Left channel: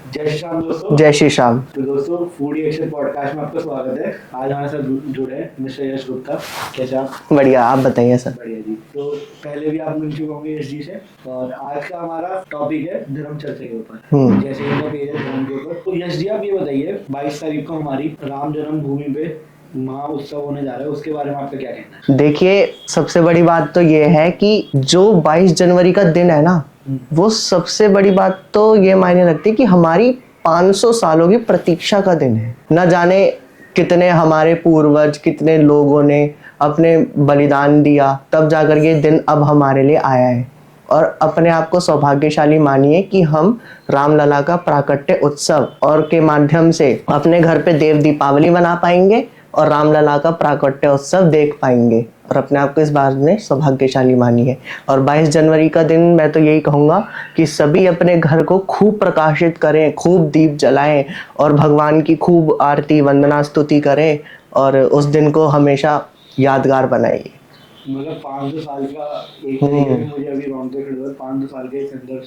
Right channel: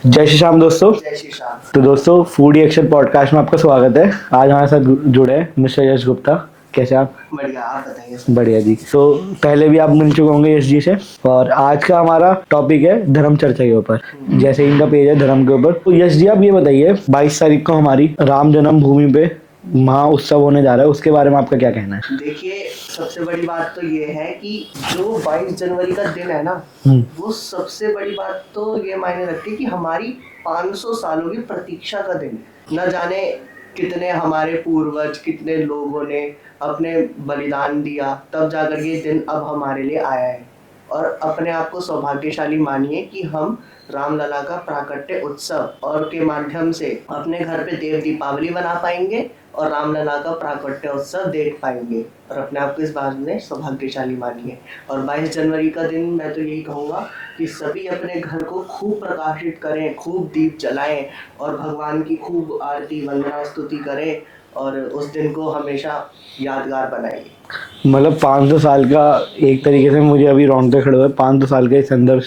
जय श्री श्याम दोस्तों। जय श्री श्याम। तो दोस्तों फूडी एक्शन पॉडकास्ट में आपका स्वागत है। आज हमारे साथ जुड़े हैं मिस्टर यश गुप्ता। कैसे आप? बढ़िया, आप बताइए सर। बढ़िया जी। तो पहले भी आप मिल चुके होंगे यश जी से, और आज का हमारा टॉपिक है धर्म चर्चा के ऊपर। जैसे इनका पेज है धर्म के ऊपर। तो यश जी आप ये बताइए, 22 तारीख को हमारी राम जन्मभूमि पे महा उत्सव होने जा रहा है, उसके बारे में आपका क्या कहना है? देखिए, सबसे बड़ी बात तो ये है कि जो 22 जनवरी का दिन है ना, वो सबसे बड़ी बात तो ये मायने रखती है कि हमारी 500 सालों की प्रतीक्षा का दिन है। न जाने कितने हमारे पूर्वज, कितने लोगों ने अपने बलिदान दिया, तब जाकर ये दिन अब हमारे लिए आया है। और अपने आप को सौभाग्यशाली मानिए कि हम रामलला का प्राकट्य उत्सव और के माध्यम से अपने घर पे देव दीपावली मना पाएंगे और रामलला का प्राकट्य उत्सव देख पाएंगे, और अपने आप को इस बात में सौभाग्यशाली मानिए। और 22 जनवरी का दिन मैं तो यही कहूँगा कि सभी अपने घर को खूब प्रकाशित करें, खूब दीप जलाएं और भगवान की खूब आरती वंदना स्तुति करें, और उस दिन को हमेशा यादगार बनाइए। मतलब 500 साल का एक तरीके से मुझे अभी रोंगटे खड़े हुए, 500 साल का संघर्ष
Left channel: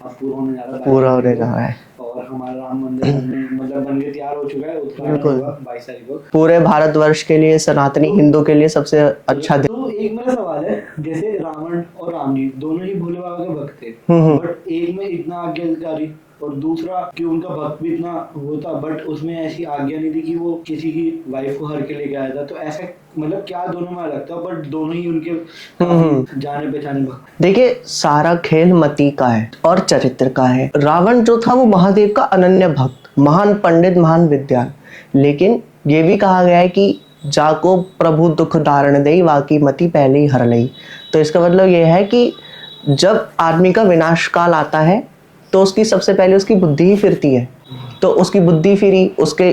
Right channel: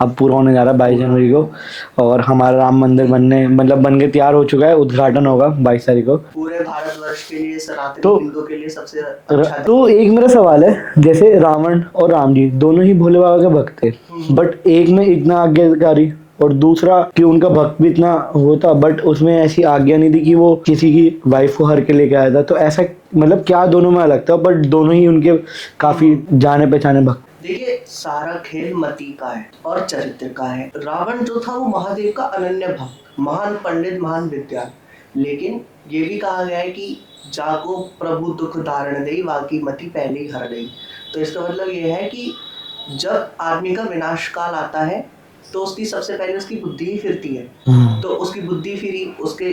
अब पूरा होने जा रहा है 22 जनवरी को। और हमारा राम मंदिर बन के तैयार हो चुका है। उद्घाटन होगा 22 तारीख को। पूरे भारतवर्ष के लिए, सनातनी हिंदू के लिए सबसे अच्छा दिन। तो एक मेरा सवाल है, जैसे रावण और राम जी दोनों ही भोले बाबा के भक्त थे, बट एक में इतना आज्ञाकारी और दूसरा कि उनका भक्त भी इतना होता, बट उसमें ऐसी आज्ञा नहीं थी कि वो किसी की वाइफ को हर के लेके आया था। तो ऐसा मतलब क्या दोनों में अलग था, बट दोनों ही उनके काफी जाने पहचाने भक्त। देखिए, सारा खेल मति का है और चरित्र का है। रावण जो था वो महादेव का अनन्य भक्त, महान पंडित, महान विद्वान। लेकिन ये भी कहा गया है कि जाको प्रभु दुख धारण दे, वाकी मति पहले ही हर लई। तो इसका मतलब ये है कि जब आदमी का विनाश काल आता है तो उसकी सबसे पहले उसकी बुद्धि ही फिरती है। तो उसकी बुद्धि फिरी, उसके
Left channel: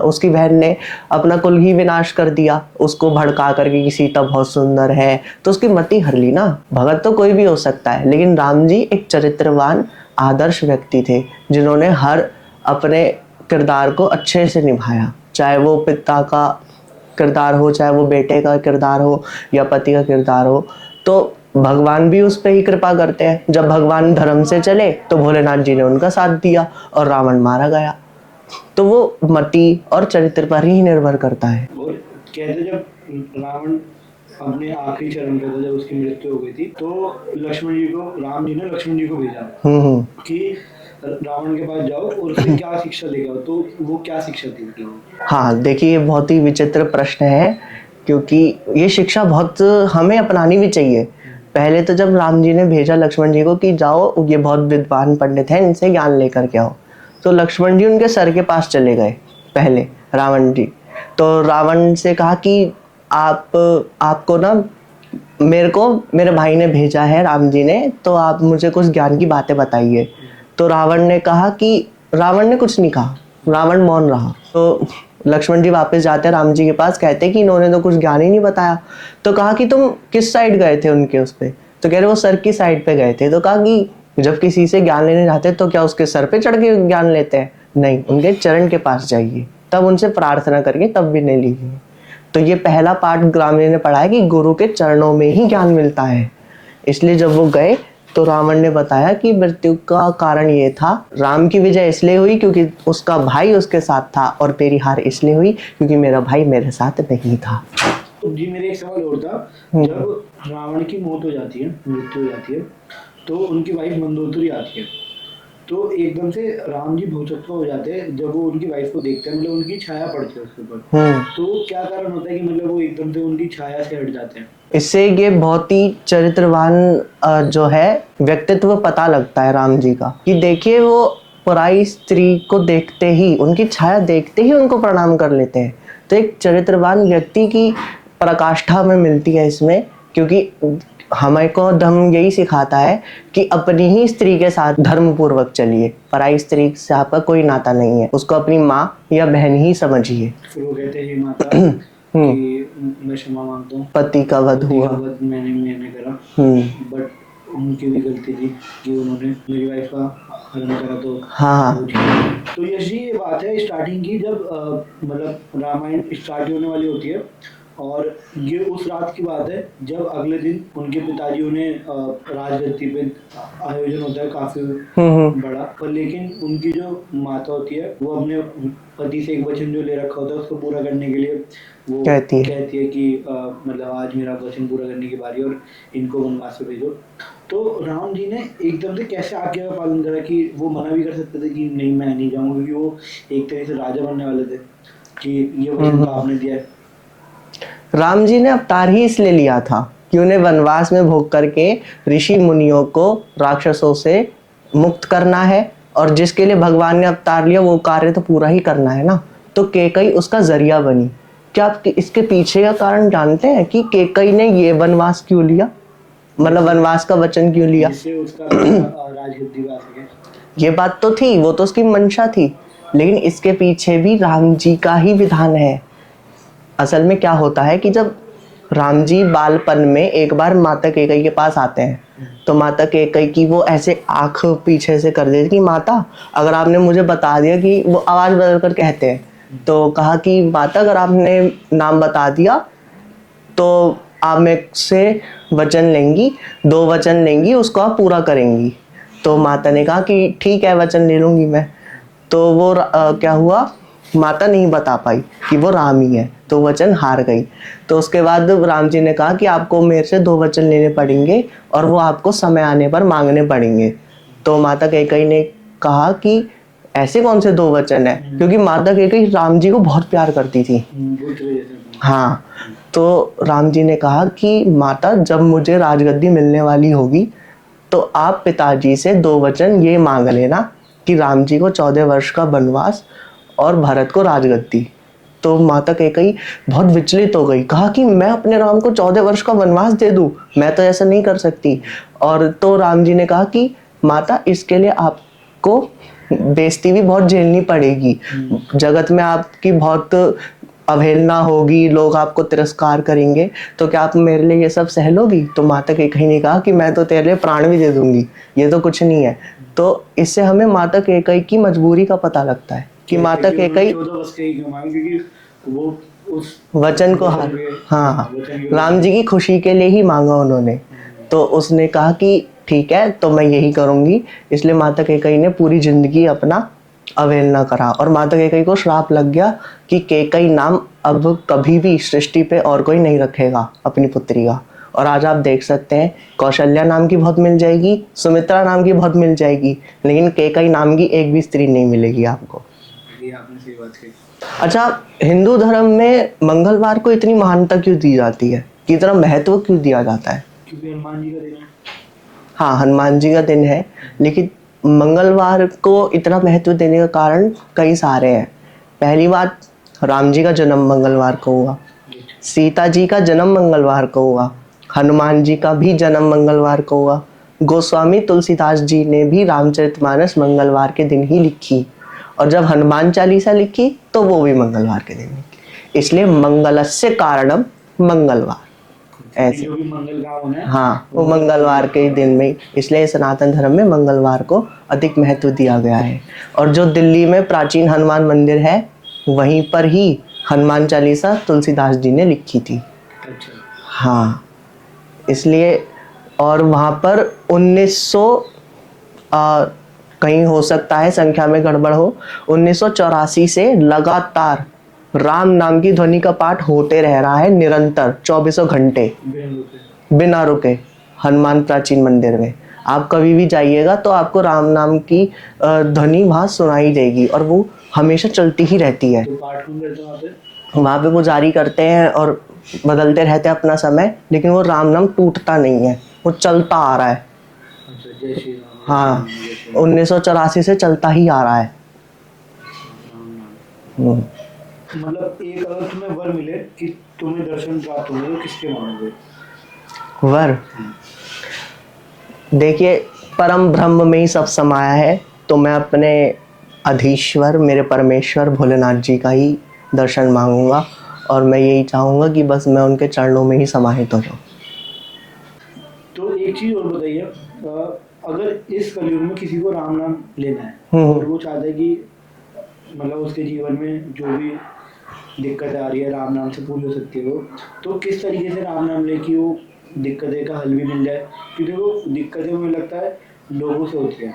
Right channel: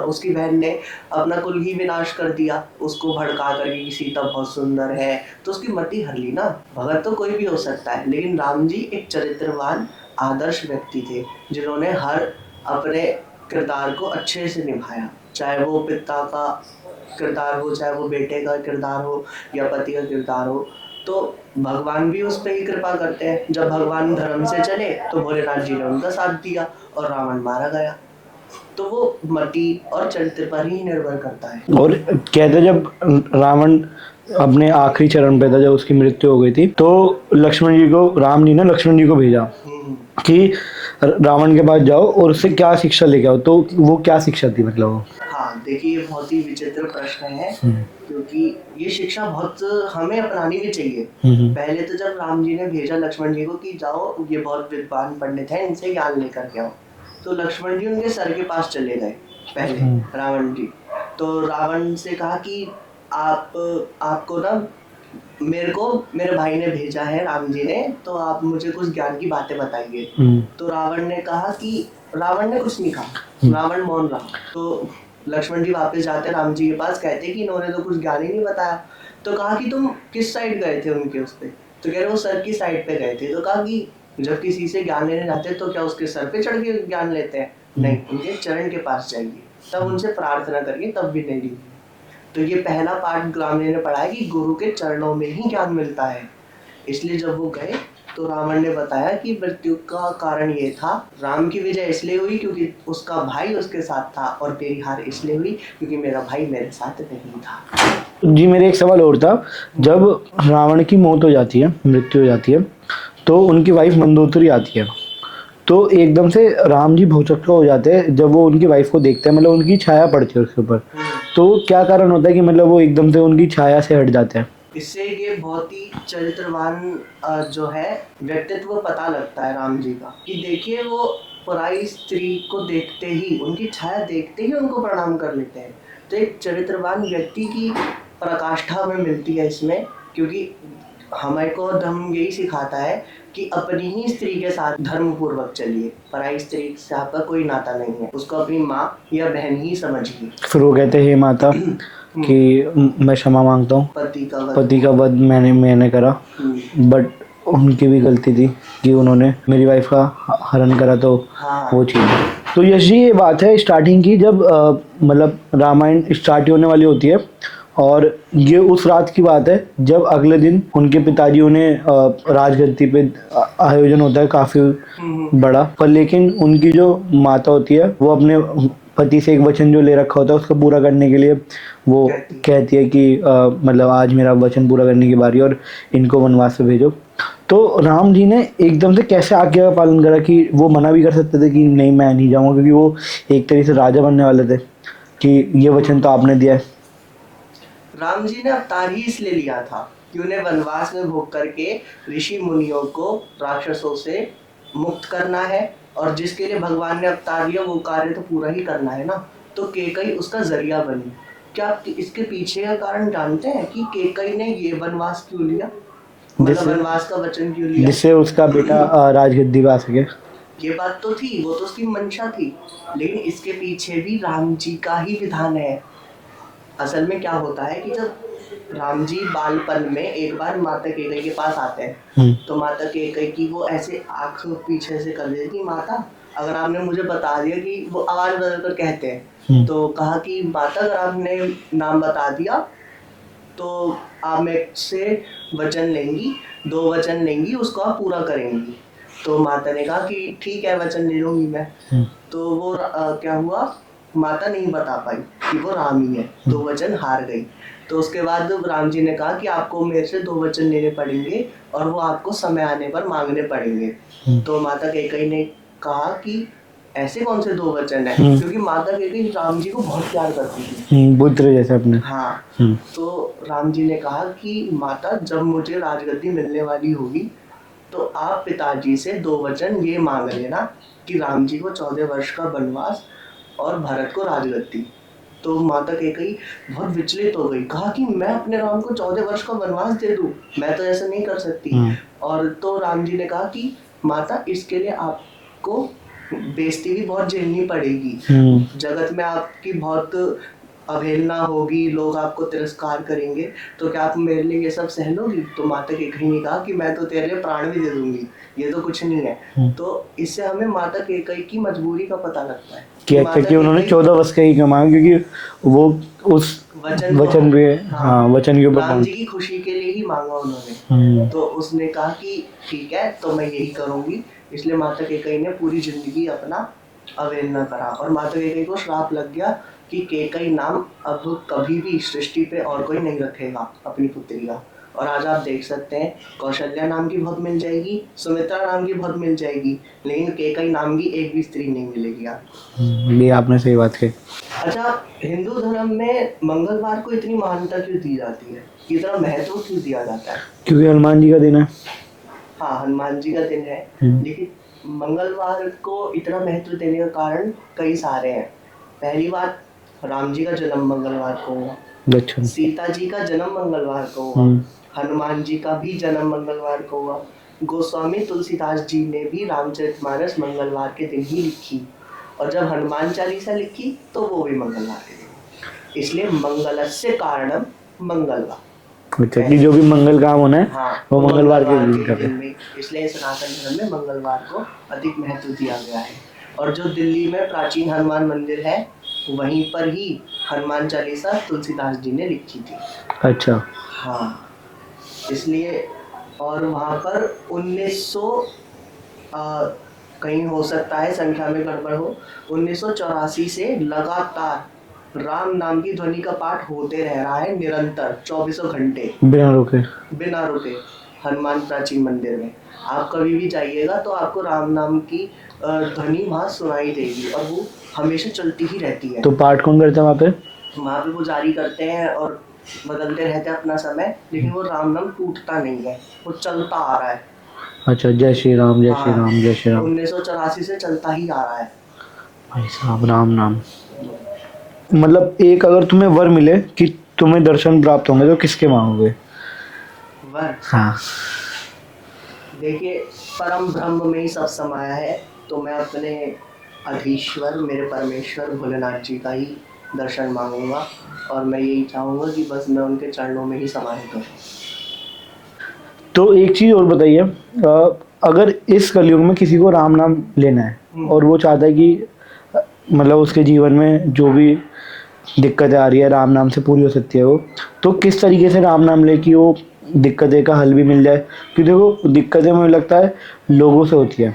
उसकी बहन ने अपना कुल ही विनाश कर दिया, उसको भड़का करके कि सीता बहुत सुंदर है, तो उसकी मति हर ली ना। भगत तो कोई भी हो सकता है, लेकिन राम जी एक चरित्रवान आदर्श व्यक्ति थे, जिन्होंने हर अपने किरदार को अच्छे से निभाया। चाहे वो पिता का किरदार हो, चाहे वो बेटे का किरदार हो, या पति का किरदार हो, तो भगवान भी उस पर ही कृपा करते हैं। जब भगवान धर्म से चले तो भोलेनाथ जी ने उनका साथ दिया और रावण मारा गया। तो वो मति और चरित्र पर ही निर्भर करता है। और कहते जब रावण अपने आखिरी चरण पे था, जब उसकी मृत्यु हो गई थी, तो लक्ष्मण जी को, राम जी ने लक्ष्मण जी को भेजा कि रावण के पास जाओ और उससे क्या शिक्षा लेके आओ। तो वो क्या शिक्षा थी मतलब? हाँ, देखिए, ये बहुत ही विचित्र प्रश्न है, क्योंकि ये शिक्षा बहुत हमें अपनानी भी चाहिए। पहले तो जब राम जी ने भेजा लक्ष्मण जी को कि जाओ, ये बहुत विद्वान पंडित हैं, इनसे ज्ञान लेकर के आओ, तो लक्ष्मण जी उनके सर के पास चले गए पहले, रावण जी। तो रावण से कहा कि आपको ना, मेरे भाई ने भेजा है, राम जी ने, तो आप मुझे कुछ ज्ञान की बातें बताइए। तो रावण ने कहा कि रावण ने कुछ नहीं कहा, रावण मौन रहा। तो लक्ष्मण जी वापस जाते हैं राम जी के पास, कहते कि इन्होंने तो कुछ ज्ञान ही नहीं बताया। तो कहा कि तुम किस साइड गए थे उनके उस पे? तो कह रहे वो सर की साइड पे गए थे। तो कहा कि जब किसी से ज्ञान लेने जाते तो क्या उसके सर पे चढ़ के ज्ञान लेते हैं? नहीं, उनके चरण के पास जाइए, तब उनसे प्रार्थना करके तब भी नहीं लीजिए। तो ये पहला पाठ ग्रामीण ने पढ़ा है कि गुरु के चरणों में ही ज्ञान मिलता है। इसलिए जब वो गए तो रावण ने बताया कि मृत्यु का कारण ये था, राम की विजय इसलिए हुई क्योंकि उसका भाई उसके साथ था, और मेरी हार इसलिए हुई क्योंकि मेरा भाई मेरे साथ नहीं था। जी, मेरे एक सवाल और था। जब रावण की मौत हो जाती है, मृत्यु हो जाती है, तो उनकी वाइफ मंदोदरी आती है, तो एकदम से राम जी भौचक्का हो जाते हैं जब वो उनकी वाइफ को देखते हैं, मतलब उनकी छाया पड़ती है उसके ऊपर। तो क्या कारण होता है कि मतलब वो एकदम से उनकी छाया से हट जाते हैं? इससे ये बहुत ही चरित्रवान जो है व्यक्तित्व पता लगता है राम जी का, कि देखिए वो पराई स्त्री को देखते ही, उनकी छाया देखते ही उनको प्रणाम कर लेते हैं। तो एक चरित्रवान व्यक्ति की पराकाष्ठा हमें मिलती है इसमें, क्योंकि हमें को धर्म यही सिखाता है कि अपनी ही स्त्री के साथ धर्म पूर्वक चलिए, पराई स्त्री से आपका कोई नाता नहीं है, उसको अपनी माँ या बहन ही समझिए। फिर वो कहते हैं माता कि मैं क्षमा मांगता हूँ, पति का वध मैंने करा, बट उनकी भी गलती थी कि उन्होंने मेरी वाइफ का हरण करा। तो वो चीज़। तो यश जी, ये बात है स्टार्टिंग की, जब मतलब रामायण स्टार्ट होने वाली होती है और ये उस रात की बात है जब अगले दिन उनके पिताजी उन्हें राजगद्दी पे आयोजन होता है काफी बड़ा, पर लेकिन उनकी जो माता होती है वो अपने पति से एक वचन जो ले रखा होता है उसको पूरा करने के लिए वो कहती है कि मतलब आज मेरा वचन पूरा करने की बारी और इनको वनवास पे भेजो। तो राम जी ने एकदम से कैसे आज्ञा का पालन करा कि वो मना भी कर सकते थे कि नहीं मैं नहीं जाऊंगा, क्योंकि वो एक तरीके से राजा बनने वाले थे कि ये वचन तो आपने दिया है। राम जी ने अवतार ही इसलिए लिया था कि उन्हें वनवास में भोग करके ऋषि मुनियों को राक्षसों से मुक्त करना है, और जिसके लिए भगवान ने अवतार लिया वो कार्य तो पूरा ही करना है ना। तो केकई उसका जरिया बनी। क्या आप इसके पीछे का कारण जानते हैं कि केकई ने ये वनवास क्यों लिया, मतलब वनवास का वचन क्यों लिया? जिससे उसका बेटा राजगद्दी पे आ सके। ये बात तो थी, वो तो उसकी मंशा थी, लेकिन इसके पीछे भी राम जी का ही विधान है। असल में क्या होता है कि जब राम जी बालपन में एक बार माता केकई के पास आते हैं तो माता केकई की वो ऐसे आंख पीछे से कर देती कि माता अगर आपने मुझे बता दिया, कि वो आवाज बदल कर कहते हैं, तो कहा कि माता अगर आपने नाम बता दिया तो आप मेरे से वचन लेंगी, 2 वचन लेंगी, उसको आप पूरा करेंगी। तो माता ने कहा कि ठीक है वचन ले लूंगी मैं। तो वो क्या हुआ, माता नहीं बता पाई कि वो राम ही है, तो वचन हार गई। तो उसके बाद राम जी ने कहा कि आपको मेरे से 2 वचन लेने पड़ेंगे और वो आपको समय आने पर मांगने पड़ेंगे। तो माता कैकेयी ने कहा कि ऐसे कौन से 2 वचन है, क्योंकि माता कैकेयी राम जी को बहुत प्यार करती थी, पुत्र जैसे अपने। हाँ। तो राम जी ने कहा कि माता जब मुझे राजगद्दी मिलने वाली होगी तो आप पिताजी से 2 वचन ये मांग लेना कि राम जी को 14 वर्ष का वनवास और भरत को राजगद्दी। तो माता कैकेयी बहुत विचलित हो गई, कहा कि मैं अपने राम को 14 वर्ष का वनवास दे दूं, मैं तो ऐसा नहीं कर सकती। और तो राम जी ने कहा कि माता इसके लिए आपको बेइज्जती भी बहुत झेलनी पड़ेगी, जगत में आपकी बहुत अवहेलना होगी, लोग आपको तिरस्कार करेंगे, तो क्या आप मेरे लिए ये सब सह लोगी? तो माता कैकेयी ने कहा कि मैं तो तेरे लिए प्राण भी दे दूंगी, ये तो कुछ नहीं है। तो इससे हमें माता कैकेयी की मजबूरी का पता लगता है कि माता कैकेयी 14 वर्ष का ही क्यों मांगा, क्योंकि वो उस वचन को वचन राम जी की खुशी के लिए ही मांगा उन्होंने। तो उसने कहा कि ठीक है तो मैं यही करूंगी। इसलिए माता कैकेयी ने पूरी जिंदगी अपना अवहेलना करा और माता कैकेयी को श्राप लग गया कि कैकेयी नाम अब कभी भी सृष्टि पे और कोई नहीं रखेगा अपनी पुत्री का। और आज आप देख सकते हैं कौशल्या नाम की बहुत मिल जाएगी, सुमित्रा नाम की बहुत मिल जाएगी, लेकिन कैकेयी नाम की एक भी स्त्री नहीं मिलेगी आपको। ये आपने सही बात कही। अच्छा, हिंदू धर्म में मंगलवार को इतनी महानता क्यों दी जाती है, कि इतना महत्व क्यों दिया जाता है? क्योंकि हनुमान जी का दिन है। हाँ, हनुमान जी का दिन है, लेकिन मंगलवार को इतना महत्व देने का कारण कई सारे हैं। पहली बात, राम जी का जन्म मंगलवार को हुआ, सीता जी का जन्म मंगलवार को हुआ, हनुमान जी का भी जन्म मंगलवार को हुआ, गोस्वामी तुलसीदास जी ने भी रामचरितमानस मंगलवार के दिन ही लिखी, और जब हनुमान चालीसा लिखी तो वो भी मंगलवार के दिन लिखी। इसलिए मंगलस्य कारणम मंगलवार, जो भी मंगल काम होना है हाँ वो मंगलवार के दिन में, इसलिए सनातन धर्म में मंगलवार को अधिक महत्व दिया गया है। और जो दिल्ली में प्राचीन हनुमान मंदिर है वहीं पर ही हनुमान चालीसा तुलसीदास जी ने लिखी थी। अच्छा, हाँ, इसलिए। और वहाँ पर 1900 कहीं हो सकता है संख्या में गड़बड़ हो, 1984 से लगातार राम नाम की ध्वनि का पाठ होते रह रहा है निरंतर 24 घंटे बिना रुके हनुमान प्राचीन मंदिर में। आप कभी भी जाइएगा तो आपको राम नाम की ध्वनि वहाँ सुनाई देगी और वो हमेशा चलती ही रहती है। तो पाठ कौन करता है वहाँ पे? वहाँ पे पुजारी करते हैं और बदलते रहते हैं अपना समय, लेकिन वो राम नाम टूटता नहीं है, वो चलता आ रहा है। अच्छा, जय श्री राम जय श्री राम जय श्री राम 1984 से चलता ही आ रहा है भाई साहब राम नाम। मतलब एक अगर तुम्हें वर मिले कि तुम्हें दर्शन प्राप्त होंगे तो किसके मांगोगे वर? हाँ, देखिए, परम ब्रह्म में ही सब समाया है, तो मैं अपने अधीश्वर मेरे परमेश्वर भोलेनाथ जी का ही दर्शन मांगूंगा, और मैं यही चाहूँगा कि बस मैं उनके चरणों में ही समाहित हो जाऊँ। तो एक चीज़ और बताइए, अगर इस कलयुग में किसी को राम नाम लेना है और वो चाहता है कि मतलब उसके जीवन में जो भी दिक्कतें आ रही है, राम नाम से पूरी हो सकती है वो। तो किस तरीके से राम नाम ले कि वो दिक्कतें का हल भी मिल जाए? क्योंकि देखो दिक्कतें मुझे लगता है लोगों से होती है।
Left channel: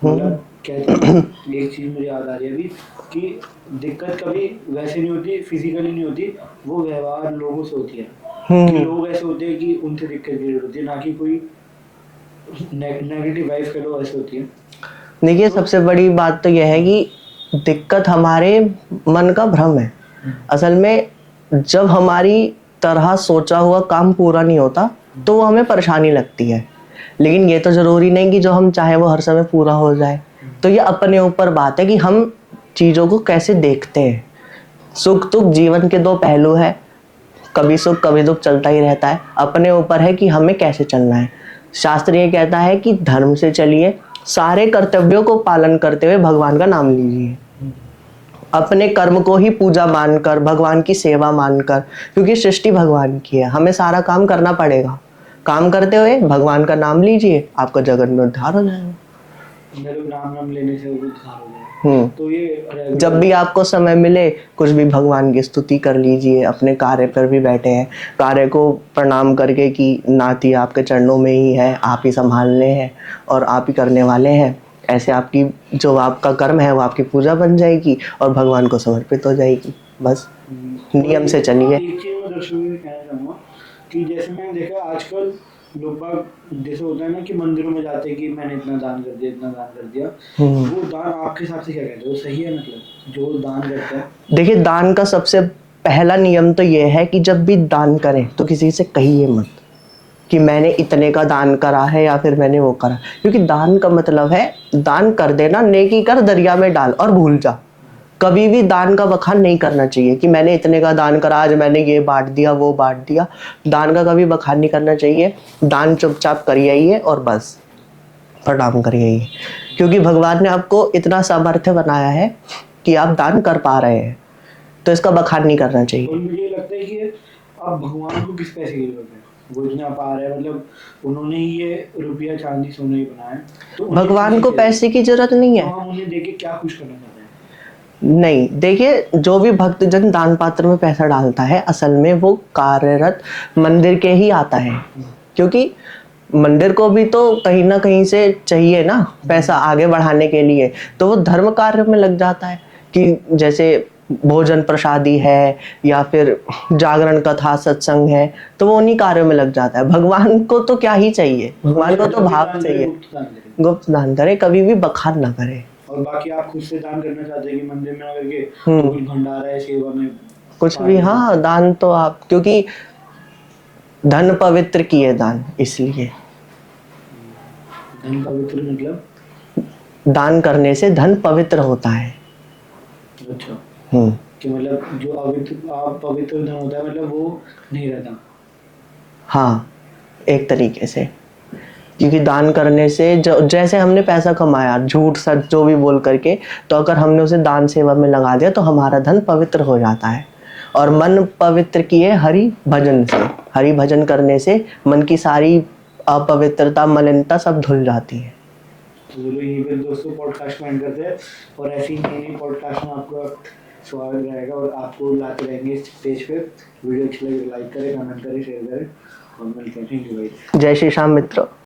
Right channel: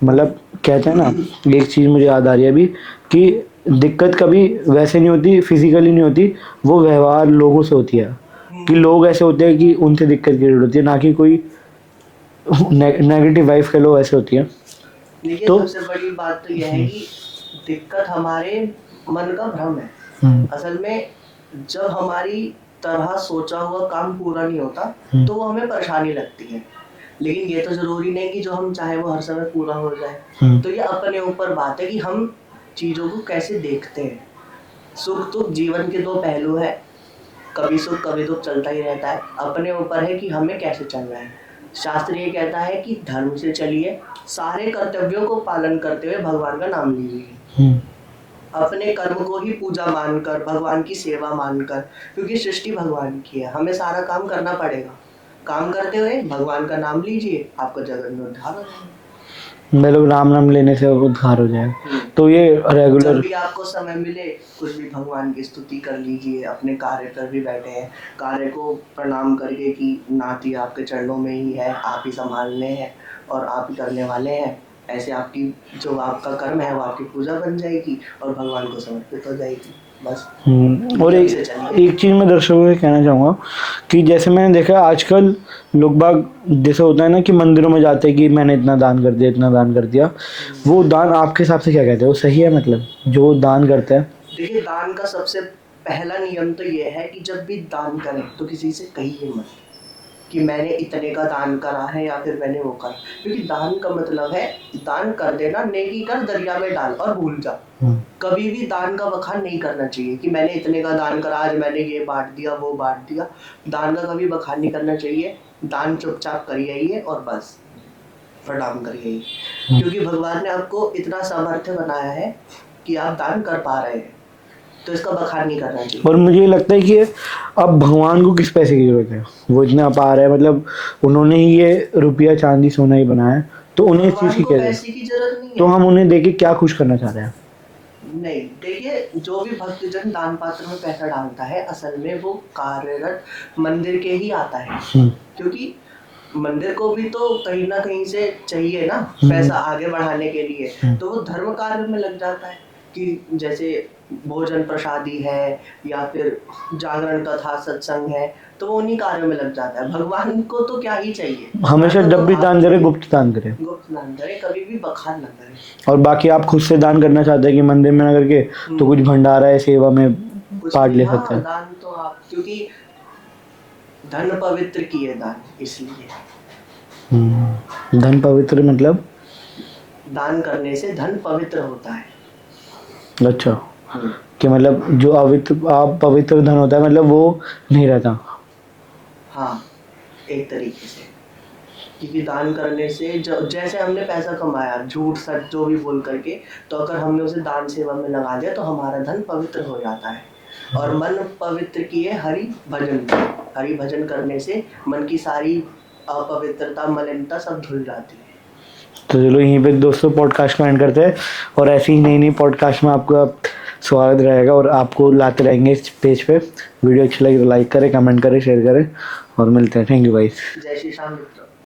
मतलब कहते हैं ना, एक चीज़ मुझे याद आ रही है अभी कि दिक्कत कभी वैसे नहीं होती, फिजिकली नहीं होती, वो व्यवहार लोगों से होती है। कि लोग ऐसे होते हैं कि उनसे दिक्कत क्रिएट होती है, ना कि कोई नेगेटिव वाइफ कह लो, ऐसे होती है। देखिए तो सबसे बड़ी बात तो यह है कि दिक्कत हमारे मन का भ्रम है। असल में जब हमारी तरह सोचा हुआ काम पूरा नहीं होता तो वो हमें परेशानी लगती है, लेकिन ये तो जरूरी नहीं कि जो हम चाहें वो हर समय पूरा हो जाए। तो ये अपने ऊपर बात है कि हम चीजों को कैसे देखते हैं। सुख दुख जीवन के दो पहलू है, कभी सुख कभी दुख चलता ही रहता है। अपने ऊपर है कि हमें कैसे चलना है। शास्त्र ये कहता है कि धर्म से चलिए, सारे कर्तव्यों को पालन करते हुए भगवान का नाम लीजिए। अपने कर्म को ही पूजा मानकर, भगवान की सेवा मानकर, क्योंकि सृष्टि भगवान की है, हमें सारा काम करना पड़ेगा। काम करते हुए भगवान का नाम लीजिए, आपका जगत में उद्धार हो जाएगा। मतलब राम नाम लेने से वो उद्धार हो जाए। तो ये जब रेगुलर भी आपको समय मिले कुछ भी भगवान की स्तुति कर लीजिए। अपने कार्य पर भी बैठे हैं, कार्य को प्रणाम करके कि नाथ ये आपके चरणों में ही है, आप ही संभालने हैं और आप ही करने वाले हैं। ऐसे आपकी जो आपका कर्म है वो आपकी पूजा बन जाएगी और भगवान को समर्पित हो जाएगी। बस और नियम से चलिए। एक चीज़ मैं दर्शकों से कहना चाहूँगा कि जैसे मैंने देखा आजकल लोग बाग जैसे होता है ना कि मंदिरों में जाते हैं कि मैंने इतना दान कर दिया, इतना दान कर दिया। वो दान आपके हिसाब से क्या कहते हैं, वो सही है? मतलब जो दान करता है। देखिए दान का सबसे पहला नियम तो ये है कि जब भी दान करें तो किसी से कहिए मत कि मैंने इतने का दान करा है या फिर मैंने वो करा, क्योंकि दान का मतलब है दान कर देना, नेकी कर दरिया में डाल और भूल जा। कभी भी दान का बखान नहीं करना चाहिए कि मैंने इतने का दान करा, आज मैंने ये बांट दिया वो बांट दिया। दान का कभी बखान नहीं करना चाहिए। दान चुपचाप करिए और बस प्रणाम करिए, क्योंकि भगवान ने आपको इतना सामर्थ्य बनाया है कि आप दान कर पा रहे हैं, तो इसका बखान नहीं करना चाहिए। और मुझे लगता है कि अब भगवान को किस पैसे की जरूरत है, वो इतना पा रहे हैं, मतलब उन्होंने ही ये रुपया चांदी सोना ही बनाया है, तो उन्हें भगवान खुशी को क्या पैसे की जरूरत नहीं तो है। हम उन्हें देके क्या खुश करना चाह रहे हैं? नहीं, देखिए जो भी भक्तजन दान पात्र में पैसा डालता है असल में वो कार्यरत मंदिर के ही आता है, क्योंकि मंदिर को भी तो कहीं ना कहीं से चाहिए ना पैसा आगे बढ़ाने के लिए। तो वो धर्म कार्य में लग जाता है कि जैसे भोजन प्रसादी है या फिर जागरण कथा सत्संग है, तो वो उन्हीं कार्यों में लग जाता है। भगवान को तो क्या ही चाहिए, भगवान हमेशा को तो जब भी भाव दान करे चाहिए। गुप्त दान करे। गुप्त दान करे, कभी भी बखान ना करे। और बाकी आप खुद से दान करना चाहते हैं कि मंदिर में ना करके तो कुछ भंडारा है सेवा में कुछ पार्ट भी, ले सकते हाँ हैं। दान तो आप, क्योंकि धन पवित्र किए दान, इसलिए धन पवित्र मतलब? दान करने से धन पवित्र होता है। अच्छा, कि मतलब जो पवित्र धन होता है मतलब वो नहीं रहता। हाँ, एक तरीके से, क्योंकि दान करने से जैसे हमने पैसा कमाया झूठ सच जो भी बोल करके, तो अगर हमने उसे दान सेवा में लगा दिया तो हमारा धन पवित्र हो जाता है। और मन पवित्र किए हरि भजन से, हरि भजन करने से मन की सारी अपवित्रता मलिनता सब धुल जाती है। तो चलो यहीं पे दोस्तों पॉडकास्ट को एंड करते हैं, और ऐसी ही नई नई पॉडकास्ट में आपका स्वागत रहेगा और आपको लाते रहेंगे इस पेज पे। वीडियो अच्छी लगी तो लाइक करें, कमेंट करें, शेयर करें और मिलते हैं। थैंक यू भाई। जय श्री श्याम मित्रों।